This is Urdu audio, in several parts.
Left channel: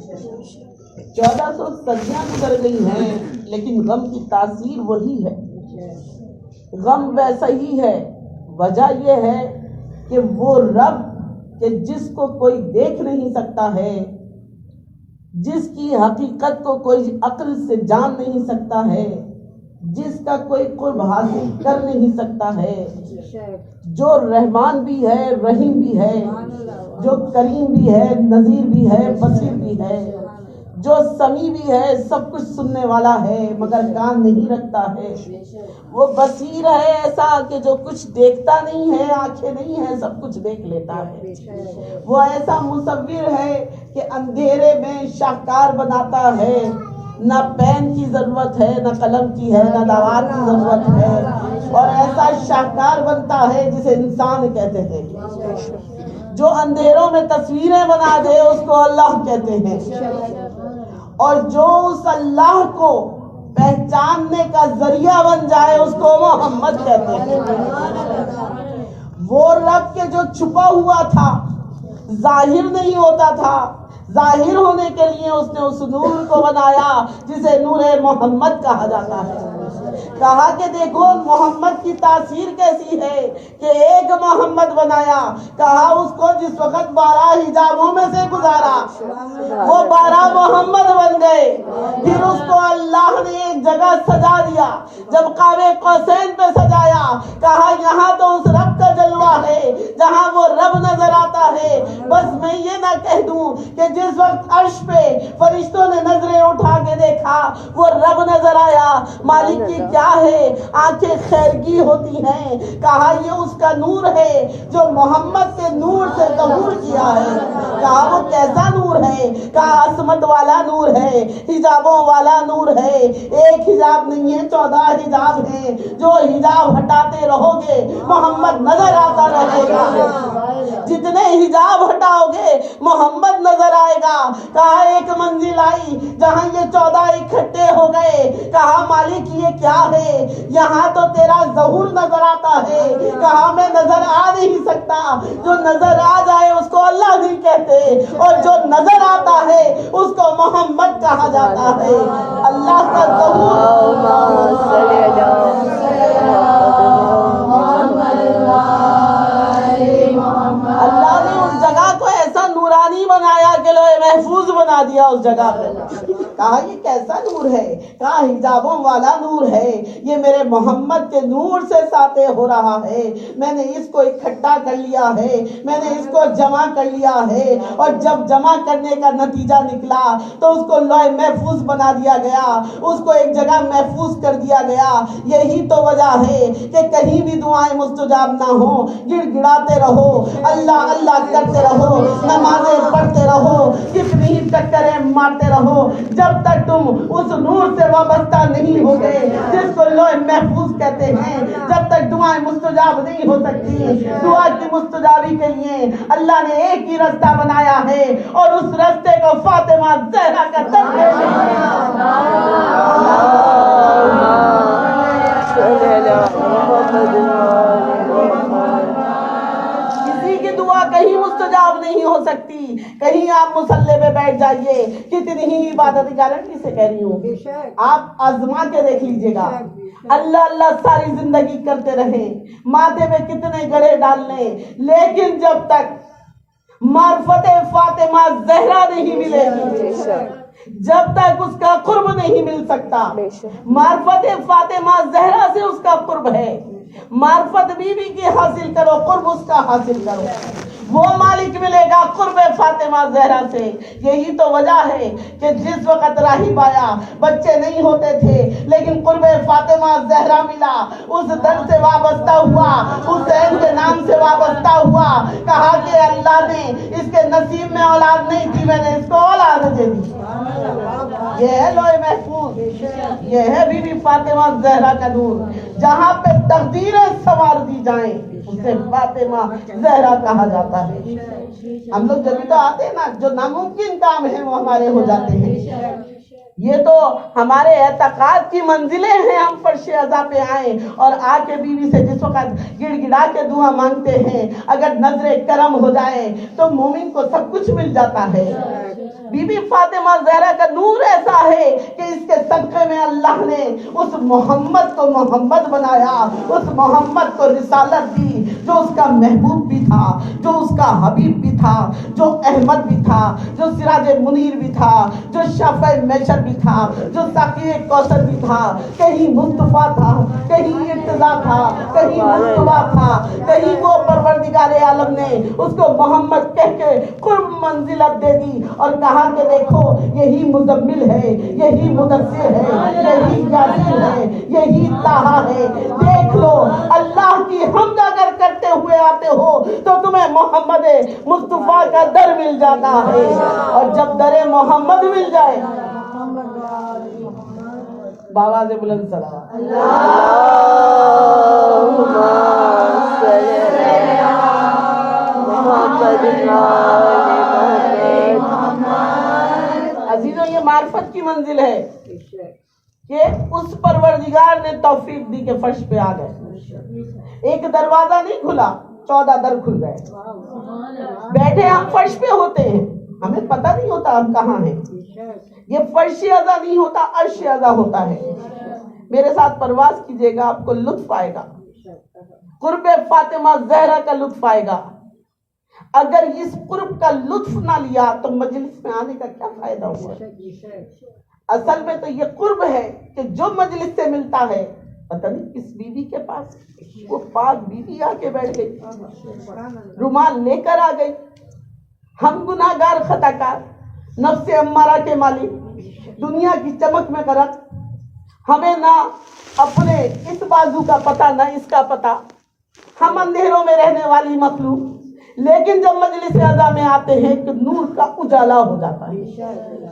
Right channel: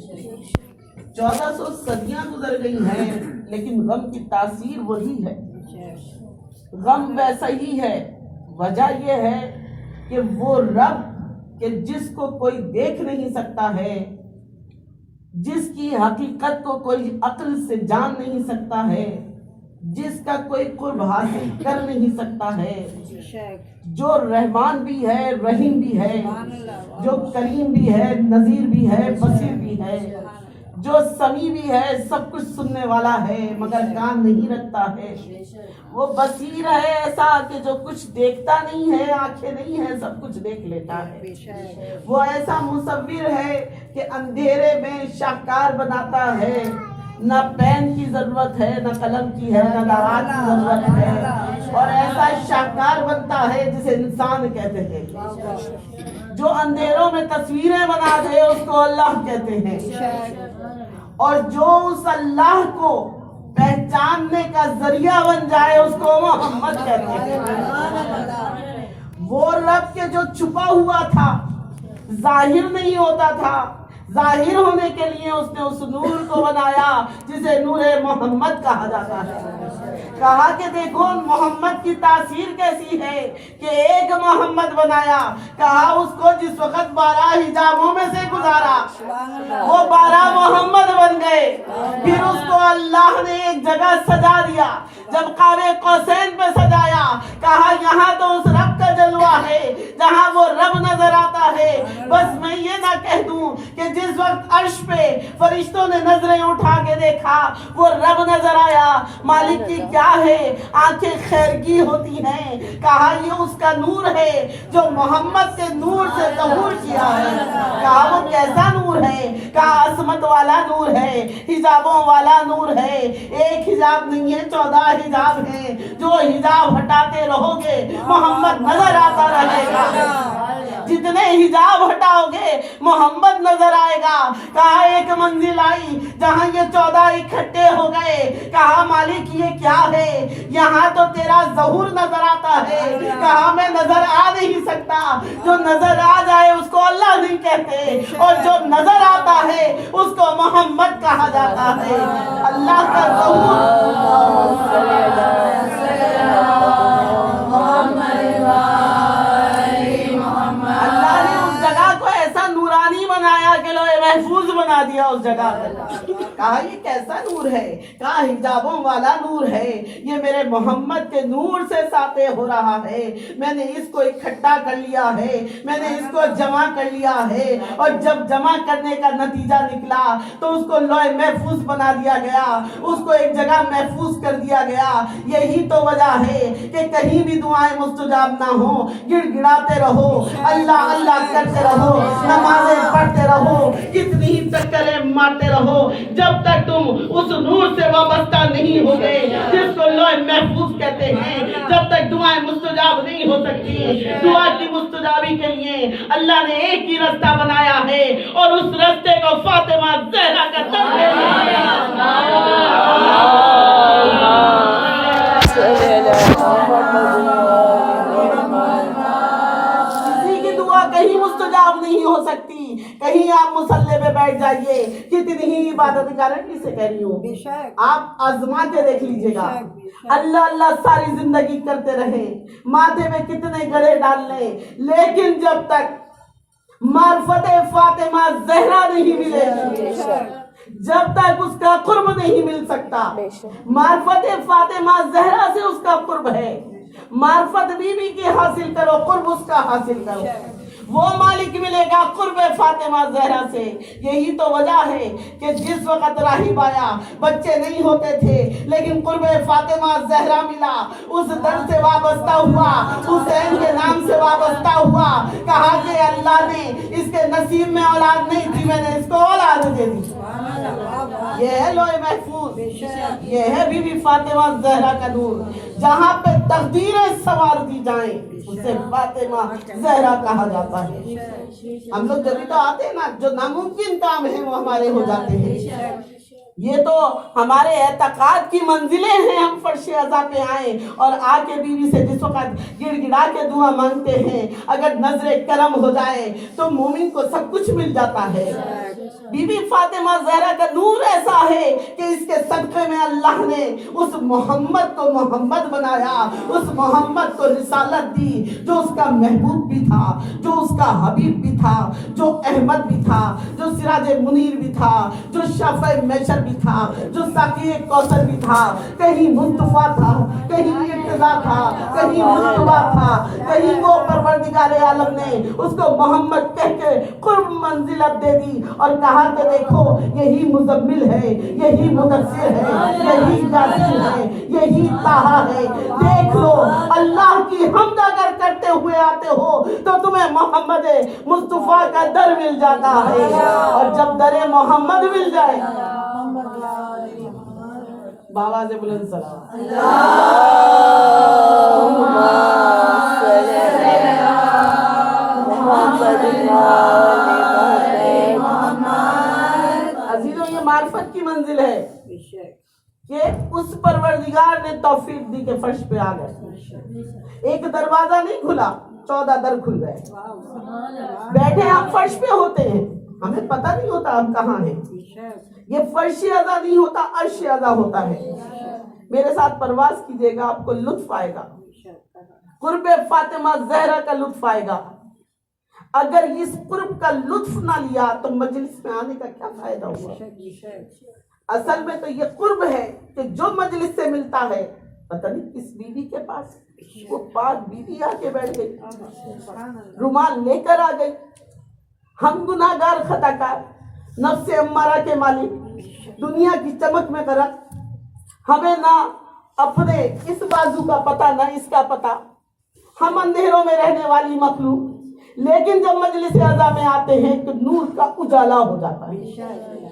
ہے۔ 1400 صدیاں گزر گئی ہیں لیکن غم کی تاثیر وہی ہے، غم ویسا ہی ہے۔ وجہ یہ ہے کہ وہ رب کہ جس کو کوئی دیکھ نہیں سکتا ہے، جس کی حقیقت کو کوئی عقل سے جان نہیں سکتا ہے، جس کا کوئی قرب حاصل کر نہیں سکتا ہے، جو رحمان بھی ہے، رحیم بھی ہے، جو کریم بھی ہے، نذیر بھی ہے، بصیر بھی ہے، جو سمیع بھی ہے، سب کچھ سننے والا ہے مگر کان نہیں رکھتا ہے۔ وہ بصیر ہے ایسا کہ جو کچھ دیکھتا نہیں ہے، آنکھیں نہیں ہیں، سب کچھ دیکھ لیتا ہے۔ وہ ایسا مصور ہے کہ اندھیرے میں شاہکار بناتا ہے، نہ پین کی ضرورت ہے، نہ قلم کی ہے، نہ لوحات کی ضرورت ہے، اور ایسا شاہکار بنتا ہے جسے انسان کہتے ہیں۔ جو اندھیروں میں تصویریں بنا دے اس کو اللہ کہتے ہیں، اور جو اس اللہ کو پہچاننے کا ذریعہ بن جائے اس کو محمد کہتے ہیں۔ وہ رب کے جو چھپا ہوا تھا، ظاہر نہیں ہوتا تھا، ظاہر ہونے کے لیے اس نے اس نور کو بنایا جسے نور محمد کہا جاتا ہے۔ کہا کہ دیکھو محمد کی تاثیر کیسی ہے کہ ایک محمد بنایا، کہا اس کو جس وقت 12 حجابوں میں سے گزارا وہ 12 محمد بن گئے۔ پھر اس کو اللہ نے ایک جگہ سجا دیا، جب قاب قوسین پہ سجایا، کہا یہاں تو اس رب کا جلوہ ہے جہاں وہ رب نظر آتا ہے۔ بس میں یہ نہ کہہ دوں کہ جس وقت عرش پہ فرشتوں نے نظریں اٹھا کے دیکھا وہ رب نظر آیا، مالک کی کیا ہے، آنکھیں خیرگی ہوتی ہیں، کہا یہ اس کا نور ہے جو محمد کے نور سے ظہور کیا ہے۔ کہا وہ کیسا نور ہے، کہا عصمت والا نور ہے، حجابوں والا نور ہے، ایک حجاب نہیں ہے 14 حجاب ہیں، جو حجاب ہٹاتے رہو گے محمد نظر آتا رہے گا، جتنے حجاب ہٹاؤ گے محمد نظر آئے گا۔ کہا ایک منزل آئی جہاں یہ 14 اکٹھے ہو گئے، کہا مالک یہ کیا ہے، یہاں تو تیرا ظہور نظر آتا ہے، کہا میں نظر آ نہیں سکتا، جو نظر آ جائے اس کو اللہ نہیں کہتے، اور جو نظر آتا ہے اس کو محمد کہا جاتا ہے۔ اللہ کا ظہور اللہ نے اس جگہ کو ایسا نورانی بنایا کہ لوح محفوظ بنا دیا اس جگہ پہ۔ کہا یہ کیسا نور ہے، کہا حجابوں والا نور ہے، یہ میرے محمد کے نور سے ساطع ہو رہا ہے، میں نے اس کو اکٹھا کر لیا ہے، میں نے اس کو جمع کر لیا ہے، اور جب جمع کرنے کا نتیجہ نکلا تو اس کو لوح محفوظ بنا دیا گیا، اس کو ایک جگہ محفوظ کر دیا گیا۔ یہی تو وجہ ہے کہ کہیں بھی دعائیں مستجاب نہ ہوں، گڑ گڑاتے رہو، اللہ اللہ کرتے رہو، نمازیں پڑھتے رہو، کتنی ہی ٹکریں مارتے رہو، جب تک تم اس نور سے وابستہ نہیں ہوگے جس کو لوح محفوظ کہتے ہیں، جب تک دعائیں مستجاب نہیں ہو سکتی۔ دعا کی مستجابی کے لیے اللہ نے ایک ہی رستہ بنایا ہے، اور اس رستے کو فاطمہ زہرا کا در ہے۔ کسی کی دعا کہیں مستجاب نہیں ہو سکتی۔ کہیں آپ مصلی پہ بیٹھ جائیے، کتنی ہی عبادت گارنٹی سے کہہ رہی ہوں، آپ آزما کے دیکھ لیجئے گا، اللہ اللہ ساری زندگی کرتے رہیں، ماتھے پہ کتنے گڑھے ڈال لیں، لیکن جب تک معرفت فاطمہ زہرا نہیں ملے گی، جب تک اس کا قرب نہیں مل سکتا۔ معرفت فاطمہ زہرا سے اس کا قرب ہے، معرفت بی بی کی حاصل کرو، قرب اس کا حاصل کرو، وہ مالک ملے گا قرب فاطمہ زہرا سے۔ یہی تو وجہ ہے کہ جس وقت راہب آیا، بچے نہیں ہوتے تھے لیکن قرب فاطمہ زہرا ملا، اس در سے وابستہ ہوا، حسین کے نام سے وابستہ ہوا، کہا کہ اللہ نے اس کے نصیب میں اولاد نہیں تھی، میں نے اس کو اولاد دے دی۔ یہ ہے لوح محفوظ، یہ ہے بی بی فاطمہ زہرا کا نور، جہاں پہ تقدیریں سوار دی جائیں اسے فاطمہ زہرا کہا جاتا ہے۔ ہم لوگ جبھی تو آتے ہیں نا، جو ناممکن کام ہیں وہ ہمارے ہو جاتے ہیں۔ یہ تو ہمارے اعتقاد کی منزلیں ہیں، ہم فرش عزا پہ آئیں اور آ کے بیوی سے جس وقت گڑ گڑا کے دعا مانگتے ہیں، اگر نظر کرم ہو جائے تو مومن کو سب کچھ مل جاتا ہے۔ بی بی فاطمہ زہرا کا نور ایسا ہے کہ اس کے صدقے میں اللہ نے اس محمد کو محمد بنایا، اس محمد کو رسالت دی، جو اس کا محبوب بھی تھا، جو اس کا حبیب بھی تھا، جو احمد بھی تھا، جو سراج منیر بھی تھا، جو شفیع محشر بھی تھا، جو ساقی کوثر بھی تھا۔ کہیں مصطفیٰ تھا، کہیں ارتضا تھا، کہیں مصطفیٰ تھا، کہیں وہ پروردگار عالم نے اس کو محمد کہہ کے قرب منزلت دے دی اور کہا کہ دیکھو یہی مزمل ہے، یہی مدثر ہے، یہی یاسین ہے، یہی طٰہٰ ہے۔ دیکھ لو اللہ کی حمد اگر کرتے ہوئے آتے ہو تو تمہیں محمد مصطفیٰ کا در مل جاتا ہے، اور جب در محمد مل جائے بابا سے بلند صلی عزیزوں، یہ معرفت کی منزل ہے کہ اس پروردگار نے توفیق دی کہ فرش پہ آ گئے۔ ایک دروازہ نہیں کھلا، 14 در کھل گئے۔ بیٹھے ہم فرش پہ ہوتے ہیں، ہمیں پتہ نہیں ہوتا ہم کہاں ہیں۔ یہ فرش اعلیٰ نہیں ہوتا، عرش اعلیٰ ہوتا ہے۔ میرے ساتھ پرواز کیجئے گا، آپ کو لطف آئے گا، قرب فاطمہ زہرا کا لطف آئے گا۔ اگر اس قرب کا لطف نہ لیا تو مجلس میں آنے کا کیا فائدہ ہوا؟ اصل میں تو یہ قرب ہے کہ جو مجلس سے ملتا ہے، پتہ نہیں کس بیوی کے پاس وہ پاک بیوی آ کے بیٹھ گئی، رومال لے کر آ گئی۔ ہم گناہگار خطاکار، نفس امارہ کے مالک، دنیا کی چمک میں غرق، ہمیں نہ اپنے اس بازو کا پتہ نہ اس کا پتہ، ہم اندھیروں میں رہنے والی مخلوق، لیکن جب مجلس اعلیٰ میں آتے ہیں کہ نور کا اجالا ہو جاتا ہے،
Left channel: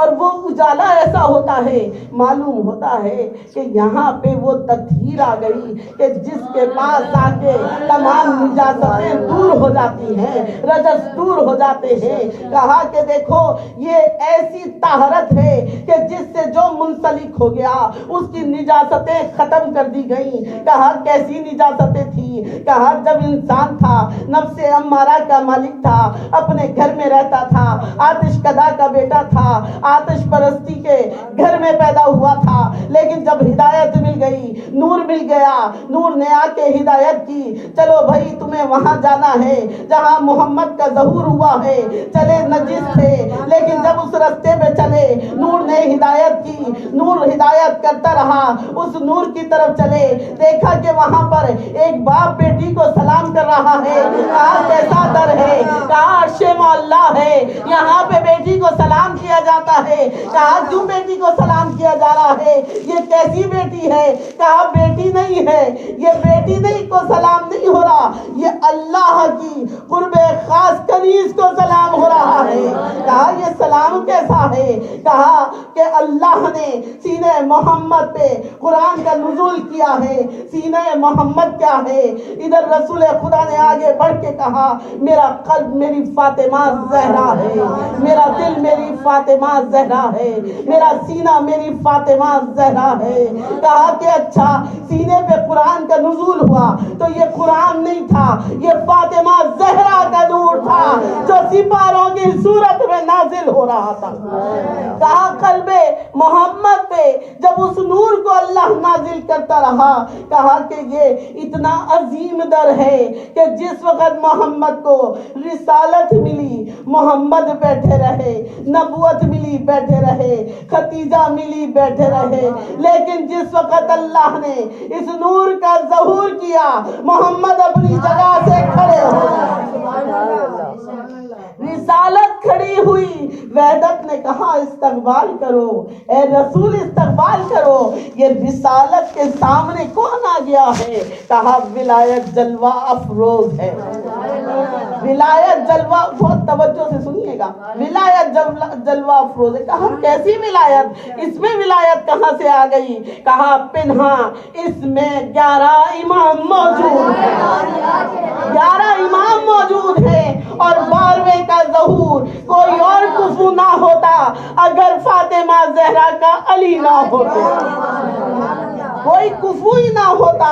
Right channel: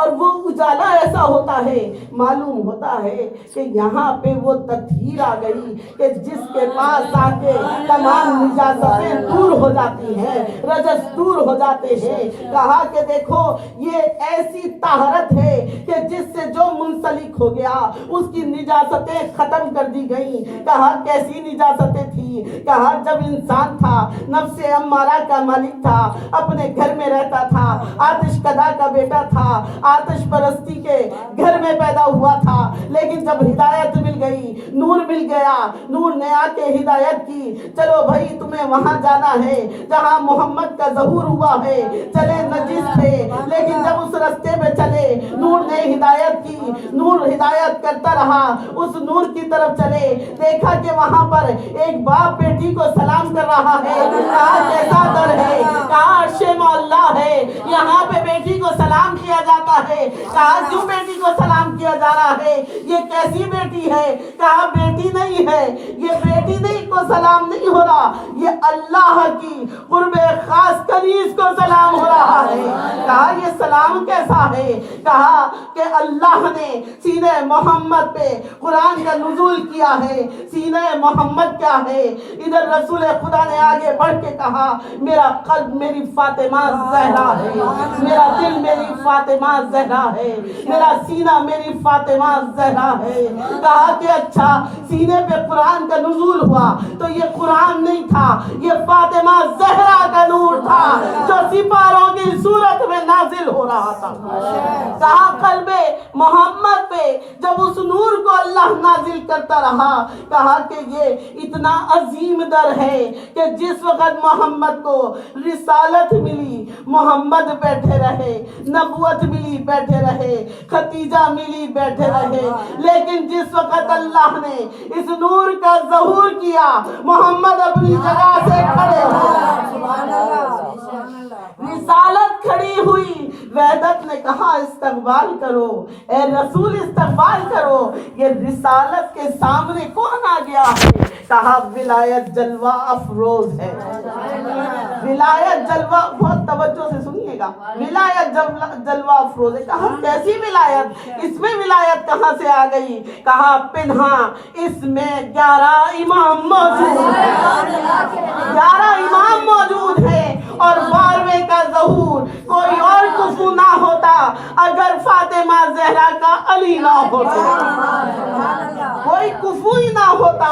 اور وہ اجالا ایسا ہوتا ہے، معلوم ہوتا ہے کہ یہاں پہ وہ تطہیر آ گئی کہ جس کے پاس آ کے تمام نجاستیں دور ہو جاتی ہیں، رجس دور ہو جاتے ہیں۔ کہا کہ دیکھو یہ ایسی طہارت ہے کہ جس سے جو منسلک ہو گیا اس کی نجاستیں ختم کر دی گئیں۔ کہا کیسی نجاستیں تھی؟ کہا جب انسان تھا، نفس امارہ کا مالک تھا، اپنے گھر میں رہتا تھا، آتش کدا کا بیٹا تھا، آتش پرستی کے گھر میں پیدا ہوا تھا، لیکن جب ہدایت مل گئی، نور مل گیا، نور نے آ کے ہدایت کی، چلو بھائی تمہیں وہاں جانا ہے جہاں محمد کا ظہور ہوا ہے۔ چلے نجس تھے، لیکن جب اس رستے پہ چلے، نور نے ہدایت کی، نور ہدایت کرتا رہا، اس نور کی طرف چلے، دیکھا کہ وہاں پر ایک باپ بیٹی کو سلام کر رہا ہے۔ کہا کیسا در ہے؟ کہا عرش معلیٰ ہے، یہاں پہ بیٹی کو سلام کیا جاتا ہے۔ کہا کیوں بیٹی کو سلام کیا جا رہا ہے؟ یہ کیسی بیٹی ہے؟ کہا بیٹی نہیں ہے، یہ بیٹی نہیں کو سلام نہیں ہو رہا، یہ اللہ کی قرب خاص کنیز کو سلام ہو رہا ہے۔ کہا یہ سلام کیسا ہے؟ کہا کہ اللہ نے سینہ محمد پہ قرآن کا نزول کیا ہے۔ سینہ محمد کیا ہے؟ ادھر رسول خدا نے آگے بڑھ کے کہا میرا قلب میری فاطمہ زہرا ہے، میرا دل میری فاطمہ زہرا ہے، میرا سینہ میری فاطمہ زہرا ہے۔ کہا کہ اچھا سینے پہ قرآن کا نزول ہوا تو یہ قرآن نہیں تھا، یہ فاطمہ زہرا کا نور تھا جو سپاروں کی صورت میں نازل ہو رہا تھا۔ کہا قلب محمد پہ جب اس نور کو اللہ نازل کرتا رہا، کہا کہ یہ اتنا عظیم در ہے کہ جس وقت محمد کو رسالت ملی محمد بیٹھے رہے، نبوت ملی بیٹھے رہے، ختیجہ ملی بیٹھے رہے، لیکن جس وقت اللہ نے اس نور کا ظہور کیا محمد اپنی جگہ سے کھڑے ہو گئے۔ رسالت کھڑی ہوئی، وحدت نے کہا استقبال کرو، اے رسول استقبال کرو۔ یہ رسالت کے سامنے کون آ گیا ہے؟ کہا ولایت جلوہ افروز ہے۔ ولایت جلوہ، بہت توجہ سے سنیے گا، ولایت جلوہ افروز ہے۔ کہا کیسی ولایت؟ اس میں ولایت کہاں سے آ گئی؟ کہا پنہا اس میں 11 امام موجود ہیں، 11 امام موجود ہیں، اور 12ویں کا ظہور کوئی اور کفو نہ ہوتا اگر فاطمہ زہرا کا علی نہ ہوتے۔ کوئی کفو ہی نہ ہوتا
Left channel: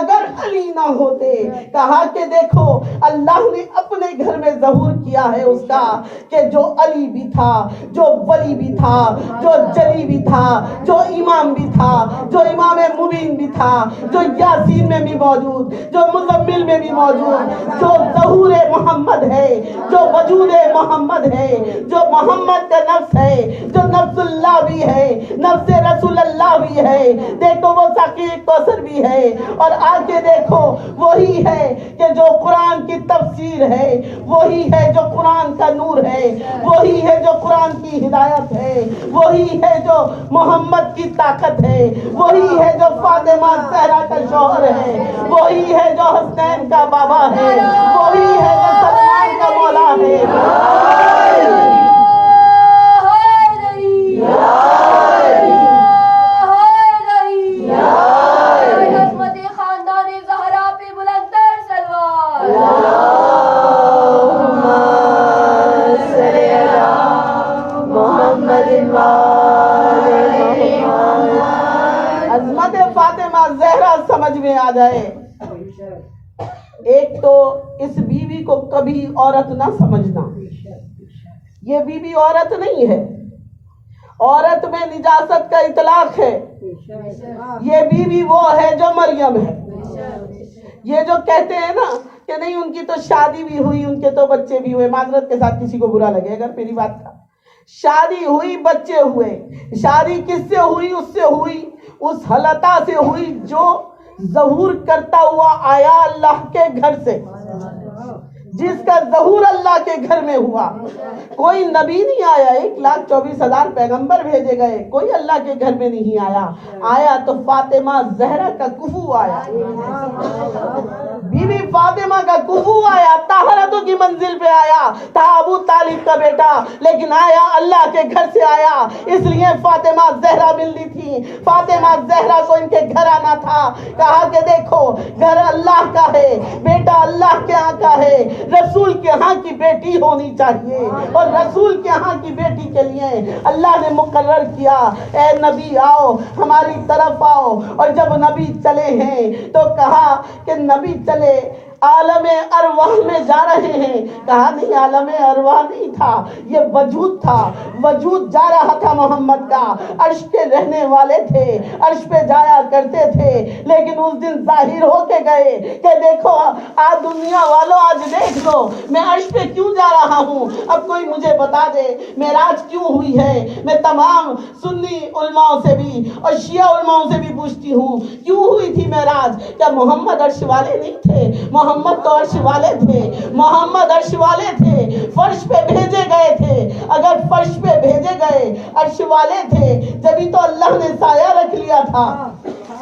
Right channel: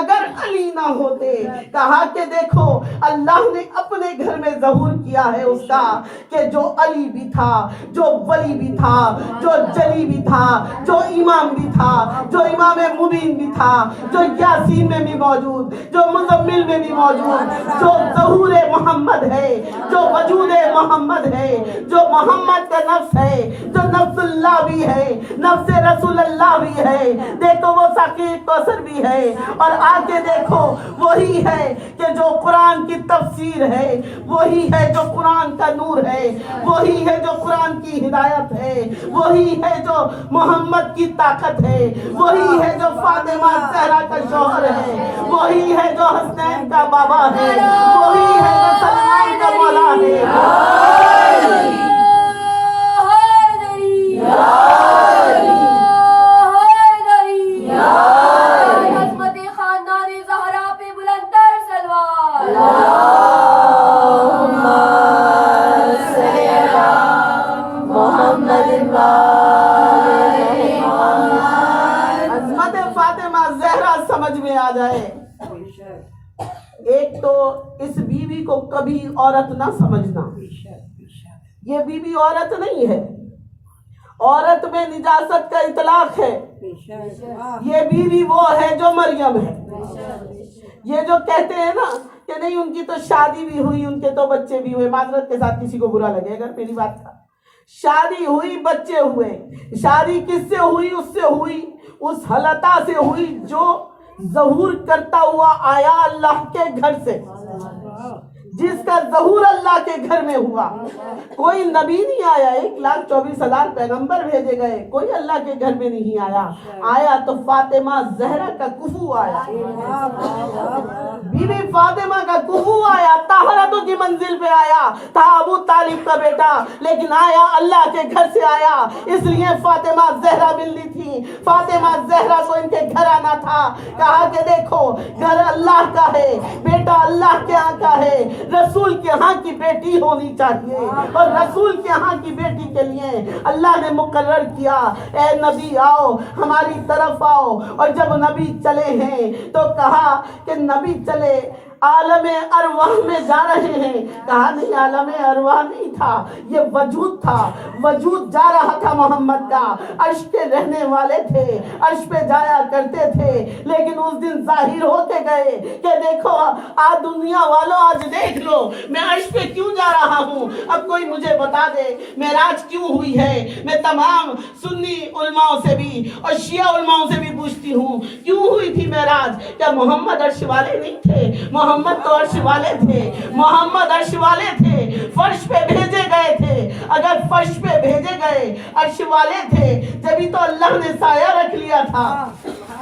اگر علی نہ ہوتے. کہا کہ دیکھو اللہ نے اپنے گھر میں ظہور کیا ہے اس کا کہ جو علی بھی تھا, جو ولی بھی تھا, جو جلی بھی تھا, جو امام بھی تھا, جو امام مبین بھی تھا, جو یاسین میں بھی موجود, جو مزمل میں بھی موجود, جو ظہور محمد ہے, جو وجود محمد ہے, جو محمد کا نفس ہے, جو نفس اللہ بھی ہے, نفس رسول اللہ بھی ہے. دیکھو وہ ساقی کوثر بھی ہے. اور آگے دیکھو وہی ہے کہ جو قرآن کی تفسیر ہے, وہی ہے جو قرآن کا نور ہے, وہی ہے جو قرآن کی ہدایت ہے, وہی ہے جو محمد کی طاقت ہے, وہی ہے جو فاطمہ زہرا کا شوہر ہے, وہی ہے جو حسنین کا بابا ہے, وہی ہے جو سلمان کا مولا ہے. عظمت فاطمہ زہرا سمجھ میں آ جائے. ایک تو اس بیوی کو کبھی عورت نہ سمجھنا. یہ بیوی عورت نہیں ہے, عورت میں نجاست کا اطلاق ہے. یہ بیوی وہ ہے جو مریم ہے. یہ جو کہتے ہیں نا کہ نہیں ان کی تو شادی بھی ہوئی, ان کے تو بچے بھی ہوئے, معذرت کے ساتھ کسی کو برا لگے اگر میری بات کا, شادی ہوئی بچے ہوئے. شادی کس سے ہوئی؟ اس سے ہوئی, اس حلطہ سے ہوئی جو ظہور کرتا ہوا آیا اللہ کے گھر سے, جس کا ظہور اللہ کے گھر میں ہوا. کوئی نبی نہیں آیا, 1,24,000 پیغمبر بھیجے گئے, کوئی اللہ کے گھر میں نہیں آیا. آیا تو فاطمہ زہرا کا کفو آیا, بی بی فاطمہ کا کفو آیا, طہارتوں کی منزل پہ آیا. تھا ابو طالب کا بیٹا لیکن آیا اللہ کے گھر سے آیا, اس لیے فاطمہ زہرا ملنی تھی. فاطمہ زہرا کو ان کے گھر آنا تھا. کہا کہ دیکھو گھر اللہ کا ہے, بیٹا اللہ کے ہاں کا ہے, رسول کے ہاں کی بیٹی ہونی چاہیے, اور رسول کے ہاں کی بیٹی کے لیے اللہ نے مقرر کیا اے نبی آؤ ہماری طرف آؤ. اور جب نبی چلے ہیں تو کہا کہ نبی چلے عالم ارواح میں جا رہے ہیں. کہا نہیں عالم ارواح نہیں تھا, یہ وجود تھا. وجود جا رہا تھا محمد کا, عرش پہ رہنے والے تھے, عرش پہ جایا کرتے تھے. لیکن اس دن ظاہر ہو کے گئے کہ دیکھو آج دنیا والوں آج دیکھ لو میں عرش پہ کیوں جا رہا ہوں. اب کوئی مجھے بتا دے معراج کیوں ہوئی ہے. میں تمام سنی علماء سے بھی اور شیعہ علماء سے بھی پوچھتی ہوں کیوں ہوئی تھی معراج. کیا محمد عرش والے نہیں تھے؟ محمد تو عرش والے تھے, محمد عرش والے تھے, فرش پہ بھیجے گئے تھے. اگر فرش پہ بھیجے گئے عرش والے تھے جبھی تو اللہ نے سایہ رکھ لیا تھا.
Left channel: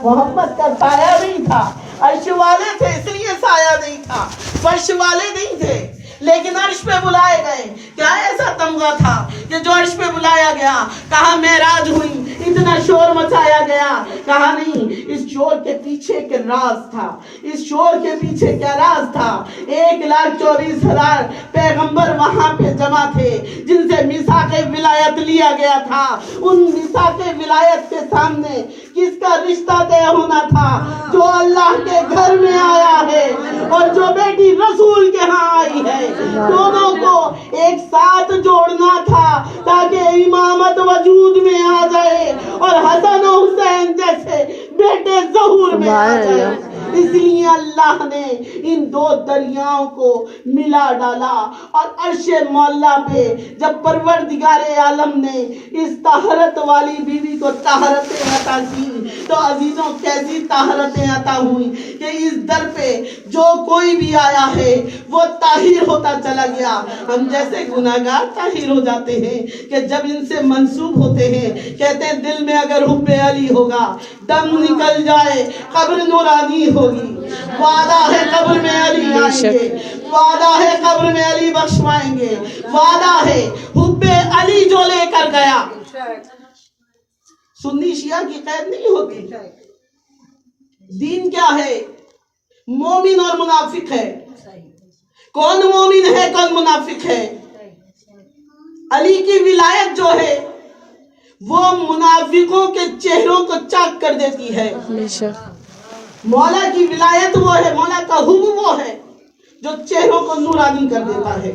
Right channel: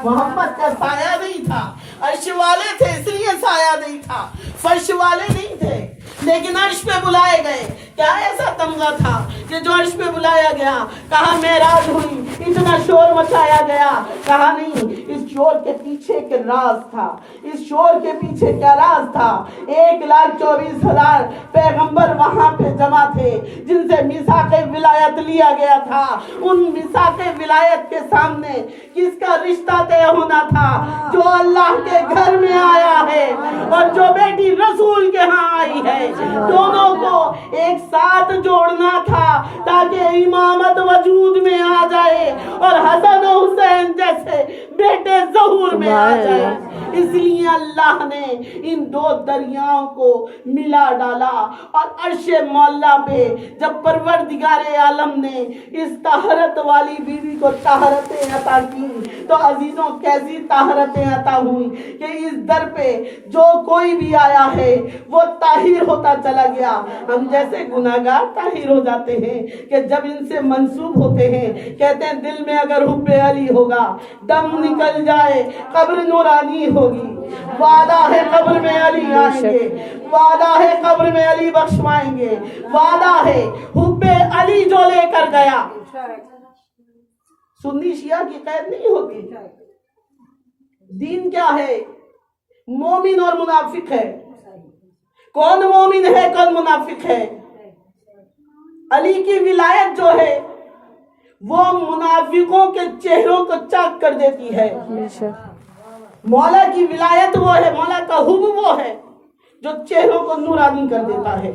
محمد کا سایہ نہیں تھا, عرش والے تھے اس لیے سایہ نہیں تھا, فرش والے نہیں تھے. لیکن عرش پہ بلائے گئے. کیا ایسا تمغہ تھا کہ جو عرش پہ بلایا گیا؟ کہا معراج ہوئی, اتنا شور مچایا گیا. کہا نہیں, اس شور کے پیچھے کے راز تھا. اس شور کے پیچھے کیا راز تھا؟ 1,24,000 پیغمبر وہاں پہ جمع تھے جن سے میثاق ولایت لیا گیا تھا. ان میثاق ولایت کے سامنے کس کا رشتہ طے ہونا تھا؟ جو اللہ کے گھر میں آیا ہے اور جو بیٹی رسول کے ہاں آئی ہے. دونوں کو ایک ساتھ جوڑنا تھا تاکہ امامت وجود میں آ جائے اور حسن و حسین جیسے بیٹے ظہور میں آ جائے. اس لیے اللہ نے ان دو دریاؤں کو ملا ڈالا. اور عرش مولا پہ جب پروردگار عالم نے اس طہارت والی بیوی کو طہارتیں عطا کی تو عزیزوں کیسی طہارتیں عطا ہوئی کہ اس در پہ جو کوئی بھی آیا ہے وہ طاہر ہوتا چلا گیا. ہم جیسے گناہگار طاہر ہو جاتے ہیں کہ جب ان سے منسوب ہوتے ہیں, کہتے ہیں دل میں اگر حب علی ہوگا دم نکل جائے قبر نورانی ہوگی. وعدہ ہے قبر میں علی آئیں گے, وعدہ ہے قبر میں علی بخشوائیں گے, وعدہ ہے حب علی جو لے کر گیا. سنی شیعہ کی قید نہیں ہوتی. دین کیا ہے؟ مومن اور منافق ہے. کون مومن ہے کون منافق ہے؟ علی کی ولایت جو ہے وہ منافقوں کے چہروں کو چاک کر دیتی ہے۔ بے شک مولا کی ولایت وہ ہے، مولا کا حب وہ ہے جو چہروں کو نورانی کر دیتا ہے۔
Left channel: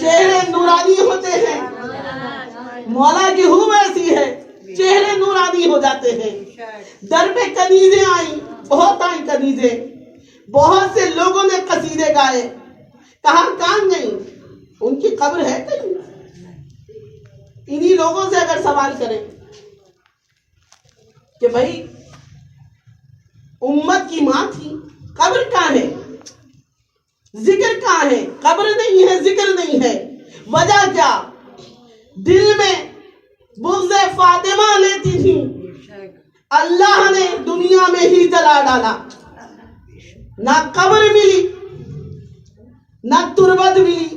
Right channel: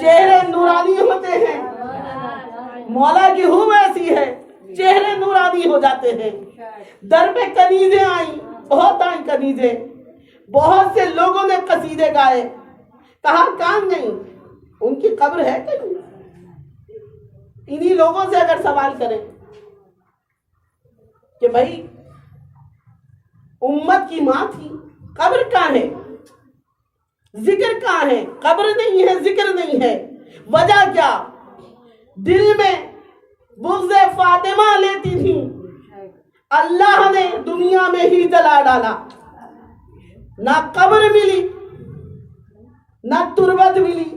چہرے نورانی ہوتے ہیں، مولا کی حب ایسی ہے، چہرے نورانی ہو جاتے ہیں۔ در پہ کنیزیں آئیں، بہت آئیں کنیزیں، بہت سے لوگوں نے قصیدے گائے، کہاں کہاں گئیں؟ ان کی قبر ہے کہیں؟ انہی لوگوں سے اگر سوال کریں کہ بھائی امت کی ماں تھی، قبر کہاں ہے؟ ذکر کہاں ہے؟ قبر نہیں ہے، ذکر نہیں ہے۔ وجہ کیا؟ دل میں بغض فاطمہ لیتی تھی، اللہ نے دنیا میں ہی جلا ڈالا۔ نہ قبر ملی، نہ تربت ملی،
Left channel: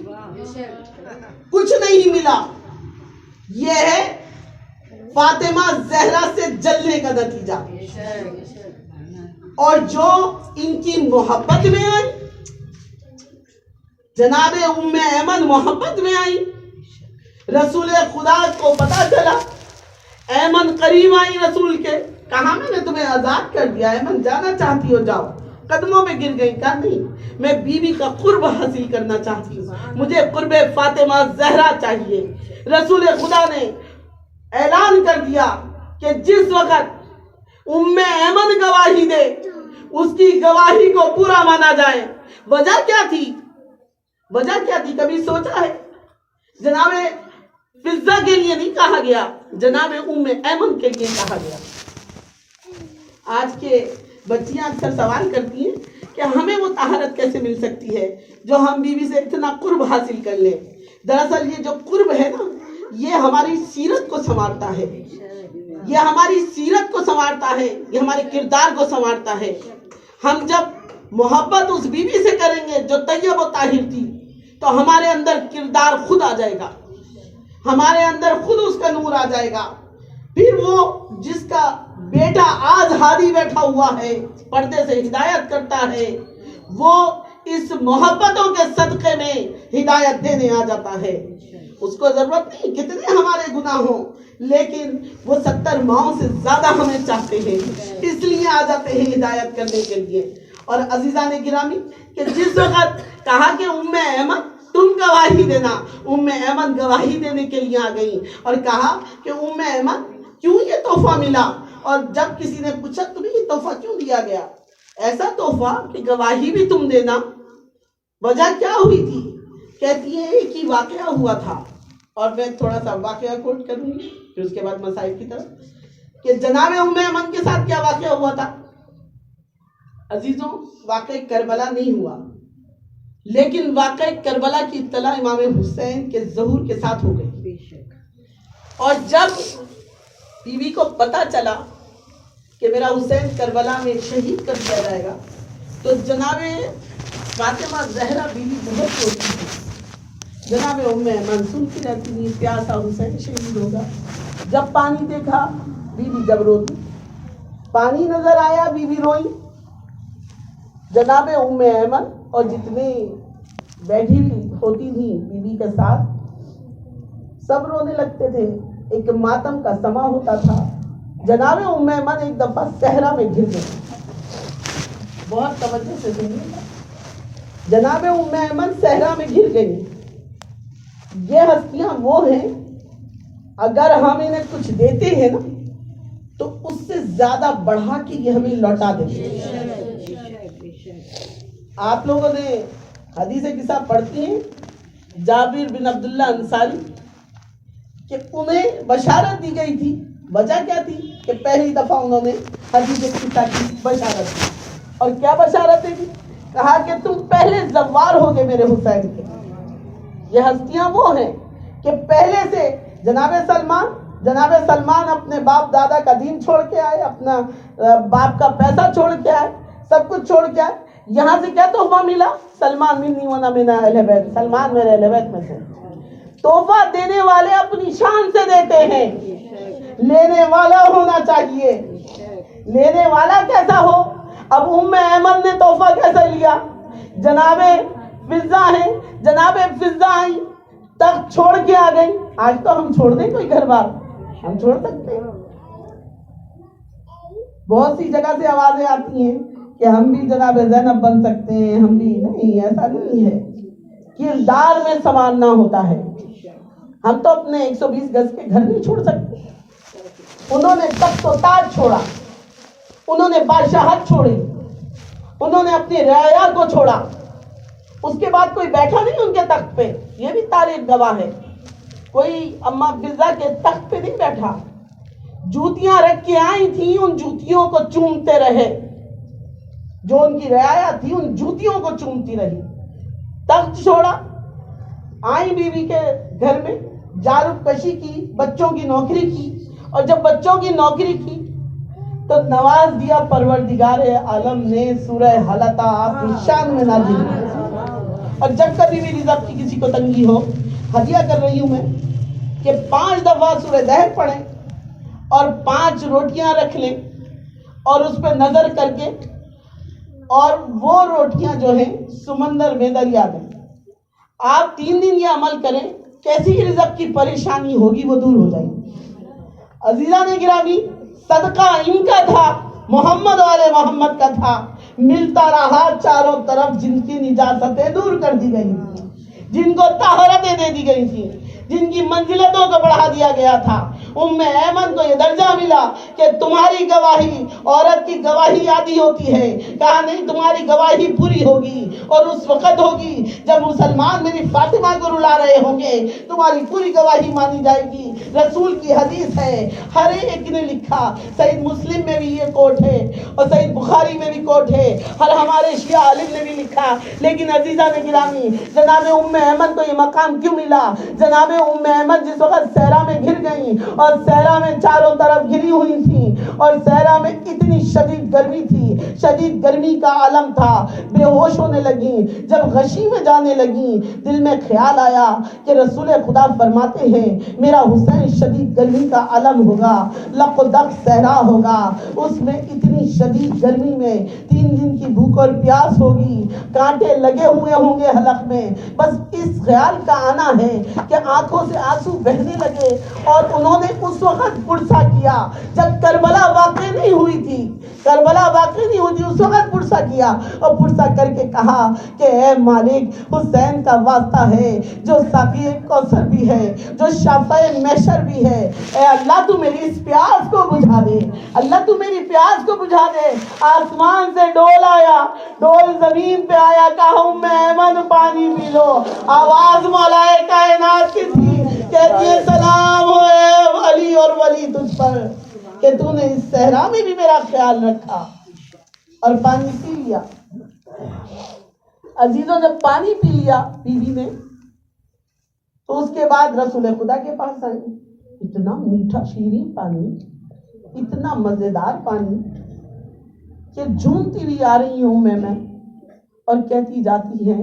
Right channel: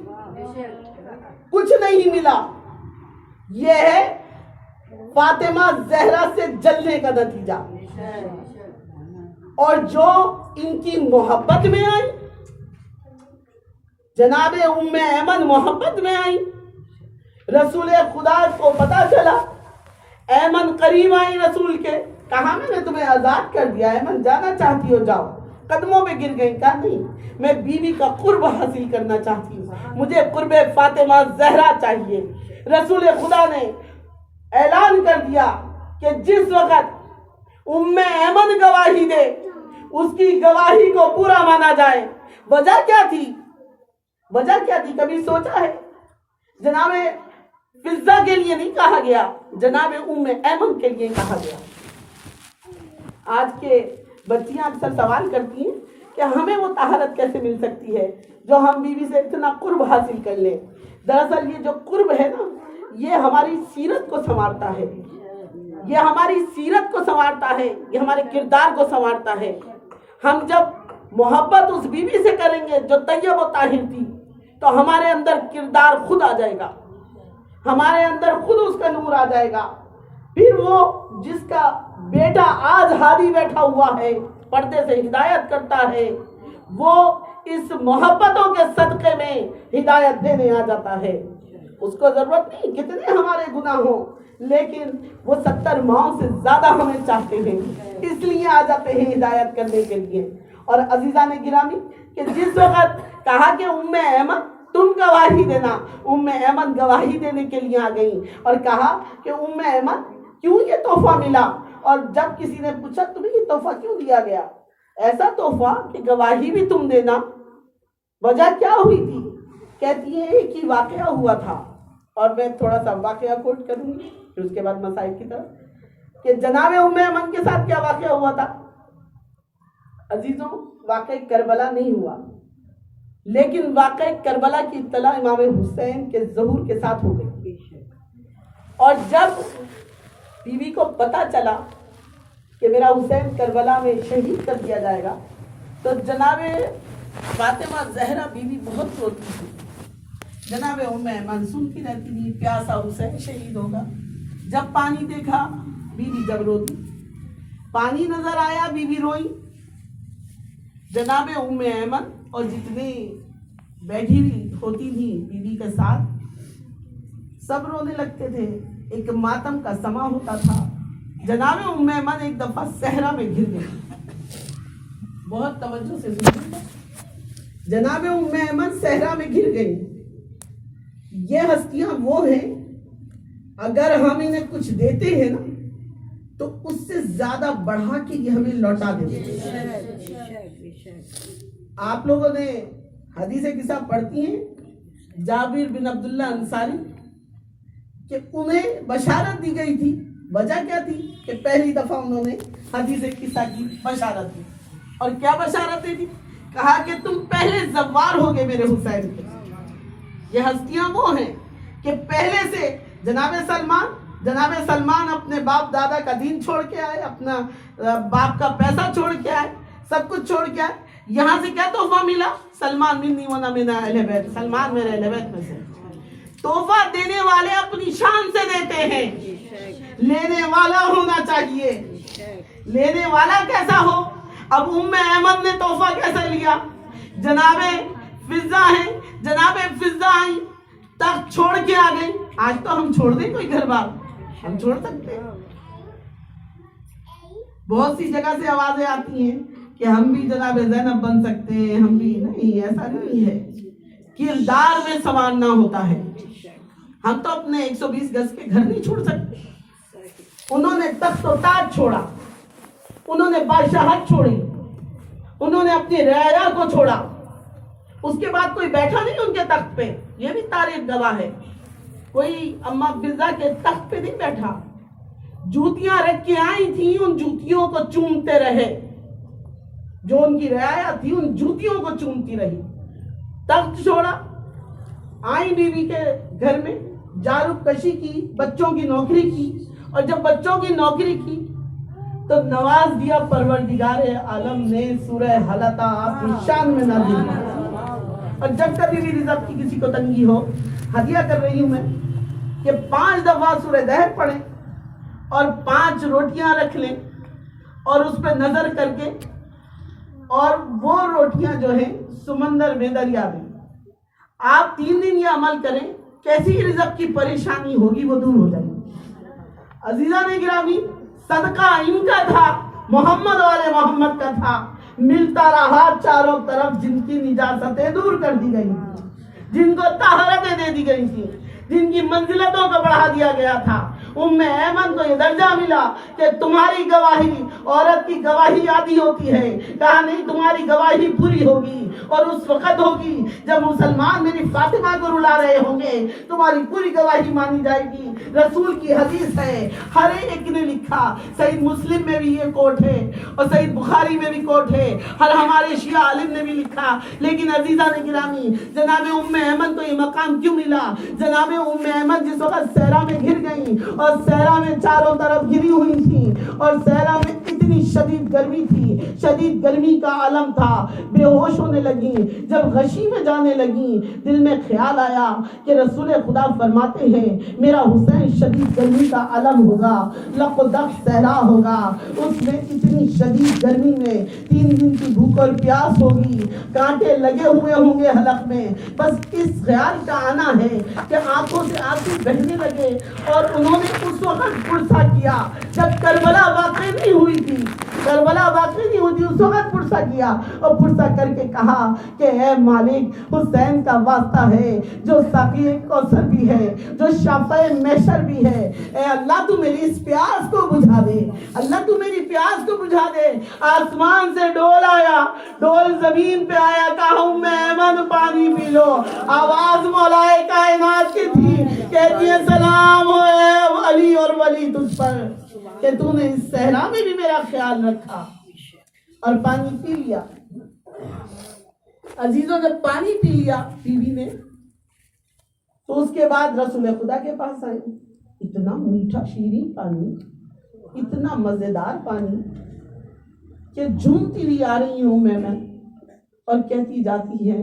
کچھ نہیں ملا۔ یہ ہے فاطمہ زہرا سے جلنے کا نتیجہ۔ اور جو ان کی محبت میں آئی، جناب ام ایمن محبت میں آئی، رسول خدا کو پتا چلا، ایمن قریب آئی رسول کے، کہا میں نے تمہیں آزاد کر دیا، ایمن جانا چاہتی ہو جاؤ، قدموں میں گر گئی، کہا نہیں، میں بیوی کا قرب حاصل کرنا چاہتی ہوں، مجھے قرب فاطمہ زہرا چاہیے۔ رسول خدا نے اعلان کر دیا کہ جس وقت ام ایمن گواہی دے، اس کی گواہی کو پورا مانا جائے۔ وجہ کیا تھی؟ وجہ کیا تھی؟ کبھی سوچا ہے؟ جناب فضہ کے لیے نہیں کہا گیا، جناب ام ایمن کے لیے کہا گیا۔ آج کے بچیاں اکثر سوال کرتی ہیں کہ ہمیں وہ طہارت کیسے مل سکتی ہے جو ہم بیوی سے اتنا قرب حاصل کر لیں۔ دراصل یہ جو قرب ہے نا، یہ ہماری سیرت کو سنوارتا ہے، یہ ہماری سیرت کو سنوارتا ہے، یہ ہمارے کردار کو سنوارتا ہے۔ ہم جب محبت اس بیوی سے کریں گے جو طیب و طاہر تھی، تو ہمارے اندر کردار خود آ جائے گا، ہمارے اندر خود اس کا نور آ جائے گا۔ پھر وہ جس کا بیٹا آج ہادی بیٹھا ہوا ہے، پردے سے ہدایت کرتا ہے، وہ اس محبتوں کے صدقے میں ہدایت دینے آ جاتا ہے۔ اس کو ضرورت نہیں کتنے ہمارے گناہ ہوں، لیکن وہ 70 ماہوں سے زیادہ ہمیں چاہتے ہیں، اس لیے آ جاتے ہیں ہدایت کرنے کے لیے۔ اور عزیزان گرامی، کہ جس وقت کہا کہ ام ایمن تم گواہی دینا، ام ایمن گواہی دینے کے لیے آ گئی، اور کہا کہ ام ایمن کیوں یہ تحفہ ملا؟ اور جب کسی نے پوچھا تمہیں یہ تحفہ کیوں دیا گیا؟ ایسا تحفہ کہ گواہی بھی تم دینا۔ وجہ کیا ہوئی تھی؟ کہتی ہے ایک ہی واقعہ ہوا تھا، اور میں تھوڑا سا واقعہ کوٹ کروں گی پھر اس کے بعد مسائل کی طرف، کہ جناب ام ایمن کے ساتھ کیا واقعہ ہوا تھا۔ عزیزوں، واقعہ کربلا نہیں ہوا، لیکن واقعہ کربلا کی اطلاع امام حسین کے ظہور کے ساتھ ہو گئی۔ اور جب بیوی کو پتا چلا کہ میرا حسین کربلا میں شہید کر دیا جائے گا، تو جناب فاطمہ زہرا بیوی بہت روتی تھی۔ جناب ام ایمن سنتی رہتی تھی، پیاسا حسین شہید ہوگا۔ جب پانی دیکھا بیوی جب روتی، پانی نظر آیا بیوی روئی۔ جناب ام ایمن اور جتنے بیٹھی ہوتی تھی بیوی کے ساتھ، سب رونے لگتے تھے، ایک ماتم کا سما ہوتا تھا۔ جناب ام ایمن ایک دفعہ صحرا میں گر گئی، بہت توجہ سے سنیے، جناب ام ایمن صحرا میں گر گئی۔ یہ ہستیاں وہ ہیں، اگر ہم انہیں کچھ دیتے ہیں نا تو اس سے زیادہ بڑھا کے یہ ہمیں لوٹا دیتے ہیں۔ آپ لوگوں نے حدیث قصہ پڑھتی ہیں جابر بن عبداللہ انصاری کہ انہیں بشارت دی گئی تھی۔ وجہ کیا تھی؟ کہ پہلی دفعہ انہوں نے حدیث قصہ کی بشارت دی، اور کیا بشارت دی؟ کہا کہ تم پہلے زوار ہوگے میرے حسین کے۔ یہ ہستیاں وہ ہیں کہ پہلے سے جناب سلمان اپنے باپ دادا کا دین چھوڑ کے آئے، اپنا باپ کا پیسہ چھوڑ کے آئے، سب کچھ چھوڑ کے آئے۔ یہاں سے کیا تحفہ ملا؟ سلمان منی ونا من اہل بیت، سلمان میرے اہل بیت میں سے۔ تحفہ دینے والے اپنی شان سے دیتے ہیں، لینے والا ہونا چاہیے۔ لینے والا کیسا ہو؟ اب ام ایمن نے تحفہ کیسا لیا؟ جناب فضہ ہیں، جناب فضہ آئی، تخت چھوڑ کے آ گئی۔ آج تو ہم چھوڑ دیں کوئی گھر بار، ہم چھوڑ سکتے ہیں؟ بہت سی جگہ سے آوازیں آتی ہیں کہ ہم بھی جناب زینب بن سکتے ہیں، ہم بھی نہیں، ایسا نہیں ہے. کردار میں سنوارنا ہوتا ہے. ہم تو اپنے 120 گز کے گھر نہیں چھوڑ سکتے. انہوں نے تخت و تاج چھوڑا، انہوں نے بادشاہت چھوڑی، انہوں نے اپنی رعایا کو چھوڑا. اس کے بعد کوئی بیٹھا نہیں ان کے تخت پہ، یہ بھی تاریخ گواہ ہے. کوئی اما فضا کے تخت پہ نہیں بیٹھا. جوتیاں رکھ کے آئی تھی، ان جوتیوں کو چومتے رہے. جو ان کی رعایا تھی ان جوتیوں کو چومتی رہی. تخت چھوڑا، آئی بیوی کے گھر میں، جارب کشی کی، بچوں کی نوکری کی. اور جب بچوں کی نوکری کی تو نواز دیا پروردگار عالم نے سورہ حلقہ آپ کی شان میں نازل کیا. اور جب کبھی بھی رزق کی کسی کو تنگی ہو، ہدیہ کر رہی ہوں میں کہ 5 دفعہ سورہ دہر پڑھیں اور 5 روٹیاں رکھ لیں اور اس پہ نظر کر کے، اور وہ روٹیاں جو ہیں سمندر میں دریا میں. آپ 3 دن یہ عمل کریں، کیسی رزق کی پریشانی ہوگی وہ دور ہو جائے گی. عزیزان گرامی، صدقہ ان کا تھا، محمد والے محمد کا تھا. ملتا رہا چاروں طرف. جن کی نجاستیں دور کر دی گئی تھی، جن کو طہارتیں دے دی گئی تھی، جن کی منزلتوں کو بڑھا دیا گیا تھا، ام ایمن کو یہ درجہ ملا کہ تمہاری گواہی، عورت کی گواہی آدھی ہوتی ہے. کہا نہیں، تمہاری گواہی پوری ہوگی اور اس وقت ہوگی جب مسلمان میری فاطمہ کو رلا رہے ہوں گے، تمہاری پوری گواہی مانی جائے گی. رسول کی حدیث ہے، ہر ایک نے لکھا. صحیح مسلم میں بھی یہ کوٹ ہے اور صحیح بخاری میں بھی کوٹ ہے، ہر ہمارے شیعہ عالم نے بھی لکھا. لیکن عزیزان گرامی، جناب ام ایمن کو یہ مقام کیوں ملا؟ جناب ام ایمن جس وقت صحرا میں گر گئی اور صحرا میں چاروں طرف گری ہوئی تھی، اور صحرا میں اتنی شدید گرمی تھی، شدید گرمی کا عالم تھا، بے ہوش ہونے لگی. جب غشی میں جانے لگی، دل میں خیال آیا کہ رسول خدا فرماتے ہیں میرا حسین شدید گرمی کا عالم ہوگا، لقدق صحرا ہوگا، اس میں اتنی شدید گرمی میں 3 دن کی بھوک اور پیاس ہوگی، کانٹے لگے ہوئے ہوں گے حلق میں. بس اس خیال کا آنا ہے کہ آنکھوں سے آنسو بہنے لگے. اور انہوں نے اس وقت پرسہ کیا جب کربلا واقع نہیں ہوئی تھی، کربلا واقع نہیں ہوئی تھی، اس وقت پرسہ کیا اور پرسہ کر کے کہا کہ اے مالک، حسین کا واسطہ ہے جو ساقی کوثر بھی ہے، جو شافع محشر بھی ہے. اے اللہ تو میری اس پیاس کو بجھا دے، اللہ تو میری پیاس کو بجھا دے. آسمان سے ڈول آیا، ڈول زمین پہ آیا، کہا ام ایمن پانی پی لو. آواز مولا کائنات کی تھی، کہتی ہے سلام ہو اے علی اور ولی تجھ پر کہ تو نے اس صحرا میں بھی میرا خیال رکھا. اور پانی پی لیا. عزیزوں، جب پانی پی لیا بیوی نے تو اس کے بعد رسول خدا کے پاس آئی. اتنا میٹھا شیریں پانی، اتنا مزیدار پانی کہ جھومتی ہوئی آ رہی ہوں میں اور کہتی جاتی ہے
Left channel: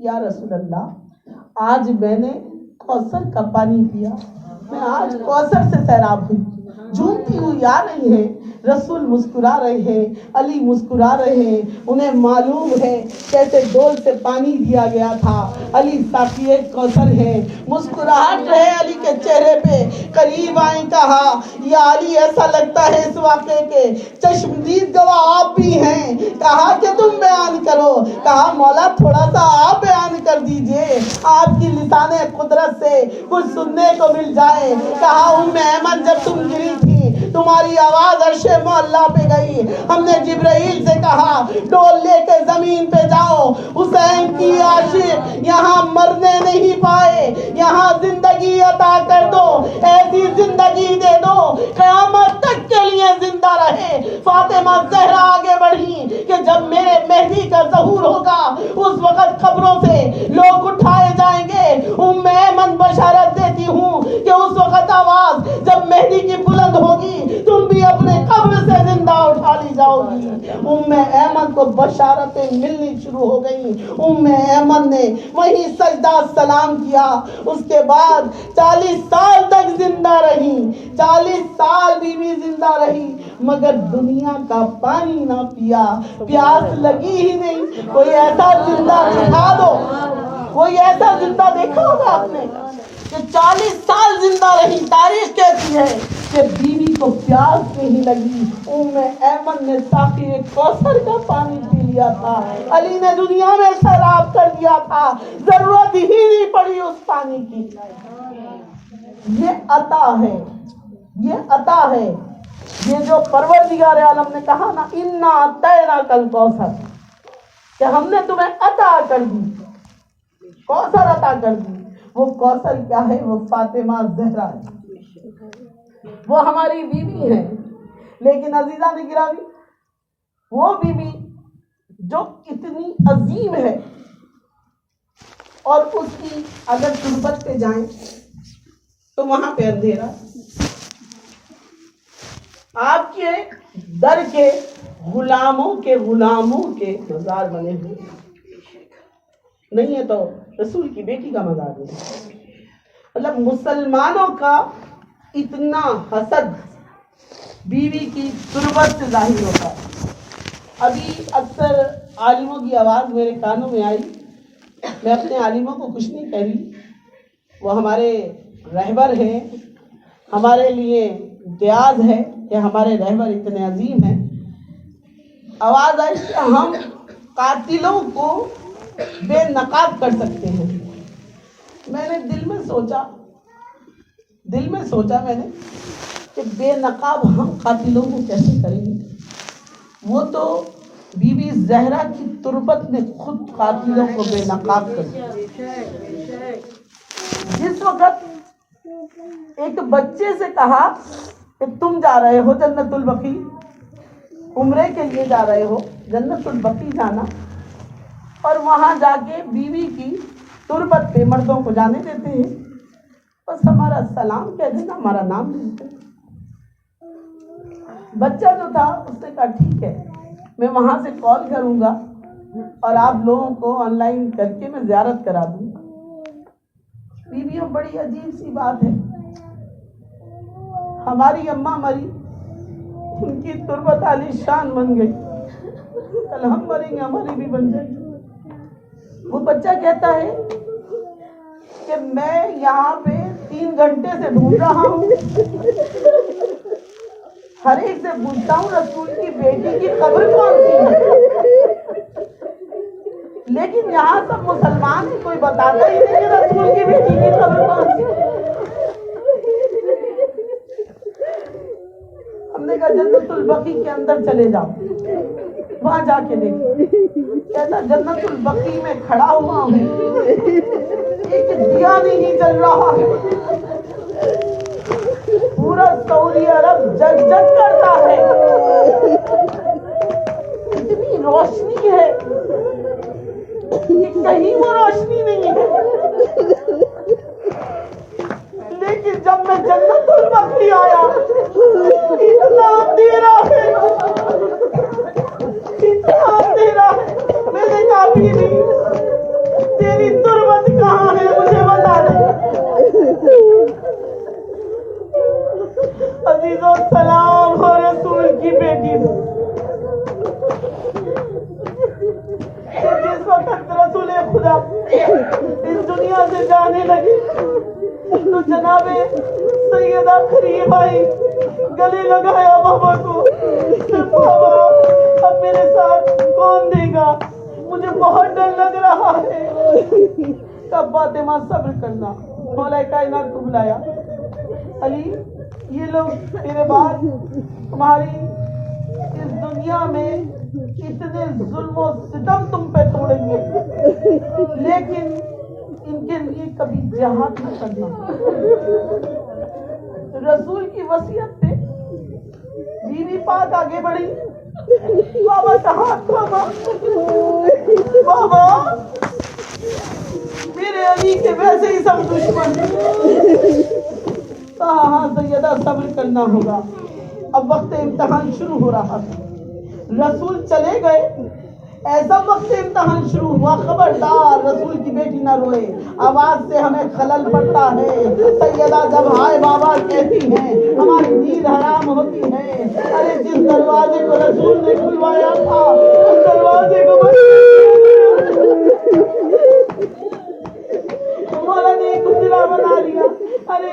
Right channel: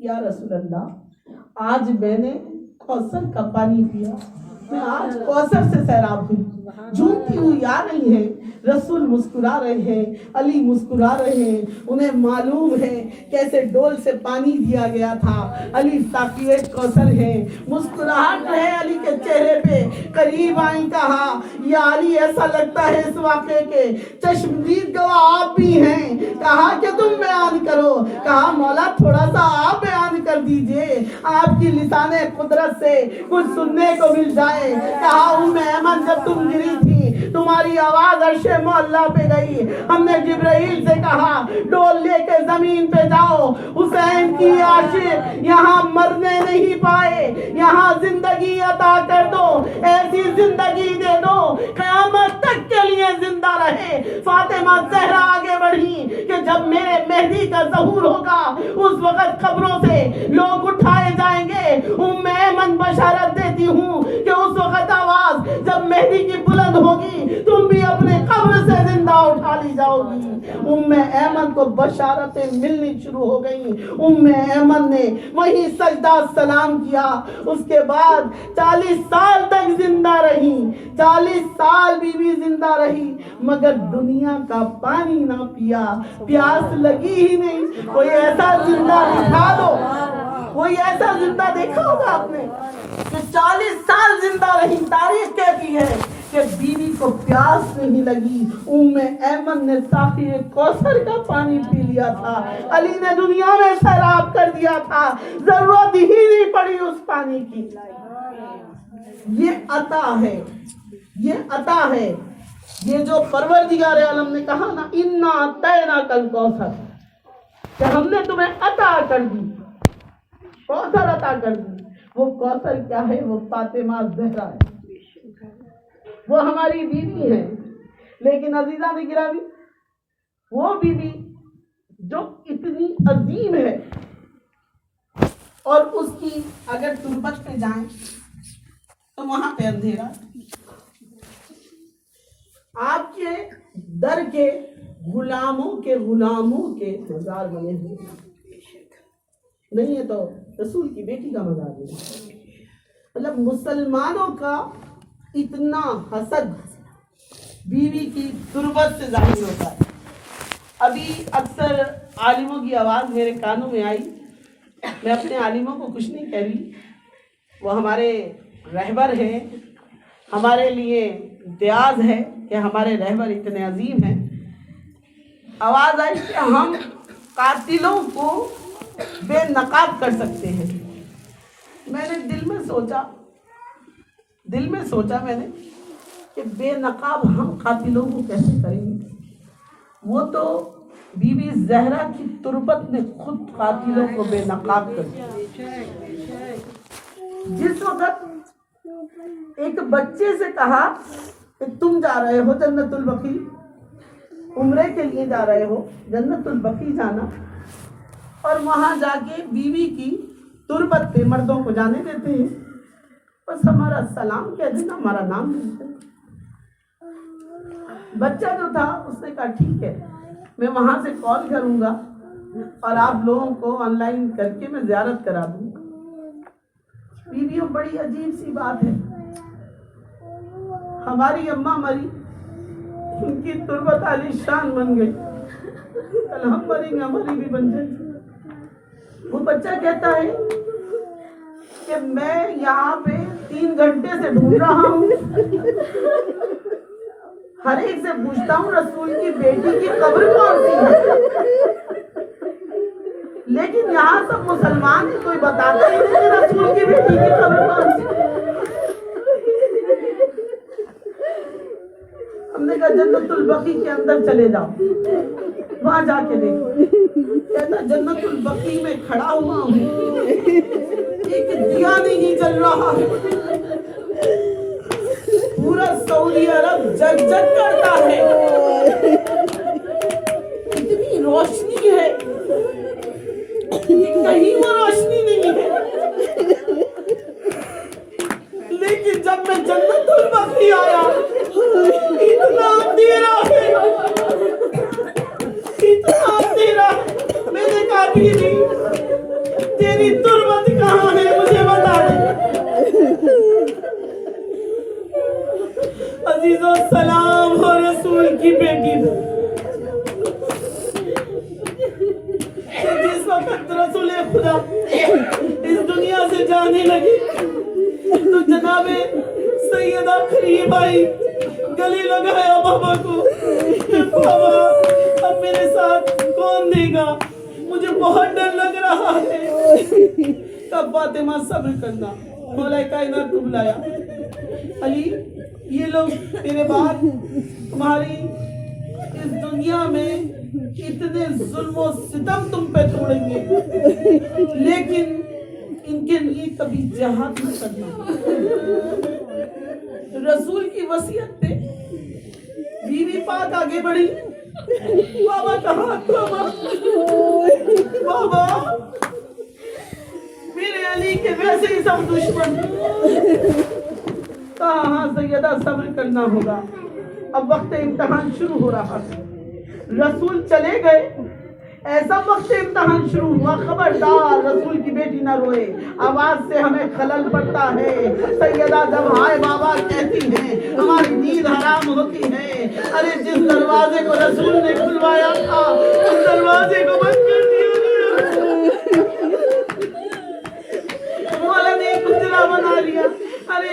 یا رسول اللہ، آج میں نے کوثر کا پانی پیا، میں آج کوثر سے سیراب ہوئی. جھومتی ہوئی آ رہی ہے. رسول مسکرا رہے ہیں، علی مسکرا رہے ہیں. انہیں معلوم ہے کیسے ڈول سے پانی دیا گیا تھا. علی ساقی کوثر ہے. مسکراہٹ رہے علی کے چہرے پہ. قریب آئیں، کہا یا علی، ایسا لگتا ہے اس واقعے کے چشمدید گواہ آپ بھی ہیں. کہا کہ تم بیان کرو. کہا مولا تھوڑا سا آپ بیان کر دیجئے، آپ کی لسان قدرت سے کچھ سننے کو مل جائے. کہا ام ایمن، جب تم گری تھی تمہاری آواز عرش معلا پہ گئی. ہم نے جبرائیل سے کہا ڈول لے کے زمین پہ جاؤ، حسین کی عاشق یہاں مرنے نہیں پائے، یہاں زندگی عطا کر دو، ایسی زندگی دے دو قیامت تک کے لیے زندہ رہے. فاطمہ زہرا آگے بڑھی کہ جب میرے مہدی کا ظہور ہوگا اس وقت قبروں سے لوگ اٹھائے جائیں گے. ام ایمن بشارت دیتی ہوں کہ اس وقت آواز جب مہدی کی بلند ہوگی تم بھی اپنے قبر سے زندہ اٹھا لی جاؤ گی. ام ایمن کو بشارتیں ملنی شروع ہو گئی. ام ایمن نے وہیں سجدہ سلام کیا. اس کے بعد 40 سال تک زندہ رہی. 40 سال بیوی زندہ رہی مگر دنیا کا پانی نہ پیا. پیاس لگی ہی نہیں. کوئی ایسا زندہ دکھا دو، کوئی ایسا زندہ دیکھا ہوگا آپ نے کہ 40 سال زندہ رہی. تاریخ کہتی فرماتی ہے کہ بیوی کو پیاس نہیں لگی، ایمن نے ساقی کوثر کا پانی پی لیا تھا، علی نے دنیا میں سیراب کر دیا تھا، ضرورت ہی نہیں پڑی اس پانی کی۔ یہ عطا ہے، یہ عطا ہے، یہ جو پروردگار عالم نے کہا نا انا اعطیناک الکوثر، کہ ہم نے تمہیں عطا کر دی، کوثر عطا کر دی۔ وہ کوثر کیا ہے؟ وہ فاطمہ زہرا ہے، وہ ہماری بیوی ہے۔ لیکن عزیزان گرامی، وہ بیوی جو اتنی عظیم ہے اور اس کی اگر تربت پہ جائیں تو وہاں پہ اندھیرا، آپ کے در کے غلاموں کے مزار بنے ہوئے نہیں ہے، تو رسول کی بیٹی کا مزار نہیں۔ مطلب مسلمانوں کا اتنا حسد بیوی کی تربت سے ظاہر ہوتا ہے۔ ابھی اکثر عالموں کی آواز میرے کانوں میں آئی، میں اپنے عالموں کو کچھ نہیں کہہ رہی، وہ ہمارے رہبر ہیں، ہمارے لیے امتیاز ہے کہ ہمارے رہبر اتنے عظیم ہیں۔ آواز آئی کہ ہم قاتلوں کو بے نقاب کر سکتے ہیں۔ میں نے دل میں سوچا میں نے کہ بے نقاب ہم قاتلوں کو کیسے کریں گے؟ وہ تو بی بی زہرا کی تربت نے خود قاتلوں کو بے نقاب کر دیا۔ جس وقت ایک بچے سے کہا کہ تم جا رہے ہو جنت البقیع، عمرے کے لیے جا رہے ہو جنت البقیع جانا، اور وہاں جا کے بیوی کی تربت پہ مردوں کو جانے دیتے ہیں، بس ہمارا سلام کہہ دینا، ہمارا نام لیتے۔ بچہ جو تھا اس نے کہا ٹھیک ہے، میں وہاں سے کال کروں گا اور آپ لوگوں کو آن لائن کر کے میں زیارت کرا دوں گا۔ بیویوں بڑی عجیب سی بات ہے، ہماری اماں مری، ان کی تربت عالی شان بن گئی، کل ہم مریں گے ہماری بھی بن جائے۔ وہ بچہ کہتا ہے کہ میں یہاں پہ 3 گھنٹے سے ڈھونڈ رہا ہوں، ہر ایک سے پوچھتا ہوں رسول کی بیٹی کی قبر کون سی ہے، لیکن یہاں سب مسلمان ہی کوئی بتاتا ہی نہیں کہ رسول کی بیٹی کی قبر کون سی ہے۔ ہم نے کہا جنت البقیع کے اندر چلے جاؤ، وہاں جا کے دیکھو۔ کہتا جنت البقیع میں کھڑا ہوا ہوں، ایک دیا نہیں جل رہا ہے، پورا سعودی عرب جگ جگ کرتا ہے، اتنی روشنی ہے کہ کہیں وہ روشنی نہیں ہے۔ لیکن جب میں جنت البقیع آیا، اتنا اندھیرا ہے، اتنا اندھیرا ہے۔ میں نے کہا بیوی تیری تربت کہاں ہے، مجھے بتا دے۔ عزیزو سلام ہو رسول کی بیٹی کہ جس وقت رسول خدا اس دنیا سے جانے لگے تو جناب سیدہ قریب آئی، گلے لگایا بابا کو کہ بابا اب میرے ساتھ کون دے گا، مجھے بہت ڈر لگ رہا ہے۔ تب فاطمہ صبر کرنا، مولا کائنات کو بلایا، علی یہ لوگ تیرے بعد تمہاری اس دنیا میں اتنے ظلم و ستم تم پہ توڑیں گے، لیکن ان کے لیے کبھی جہاد نہ کرنا۔ رسول کی وصیت پہ بیوی پاک آگے بڑھی، بابا کہا بابا میرے علی کے ویسے ہی سب دشمن، کہا ہاں سیدہ صبر کرنا ہوگا، اب وقت امتحان شروع ہو رہا تھا۔ رسول چلے گئے، ایسا وقت امتحان شروع ہوا، خبردار رسول کی بیٹی نہ روئے، آواز سے ہمیں خلل پڑتا ہے۔ سیدہ جب ہائے بابا کہتی ہیں ہماری نیند حرام ہوتی ہے۔ ارے جس دروازے کو رسول نے کھلوایا تھا اس دروازے کو بند کر دیا گیا، مولا نے ایک گجرا بنا لیا، ارے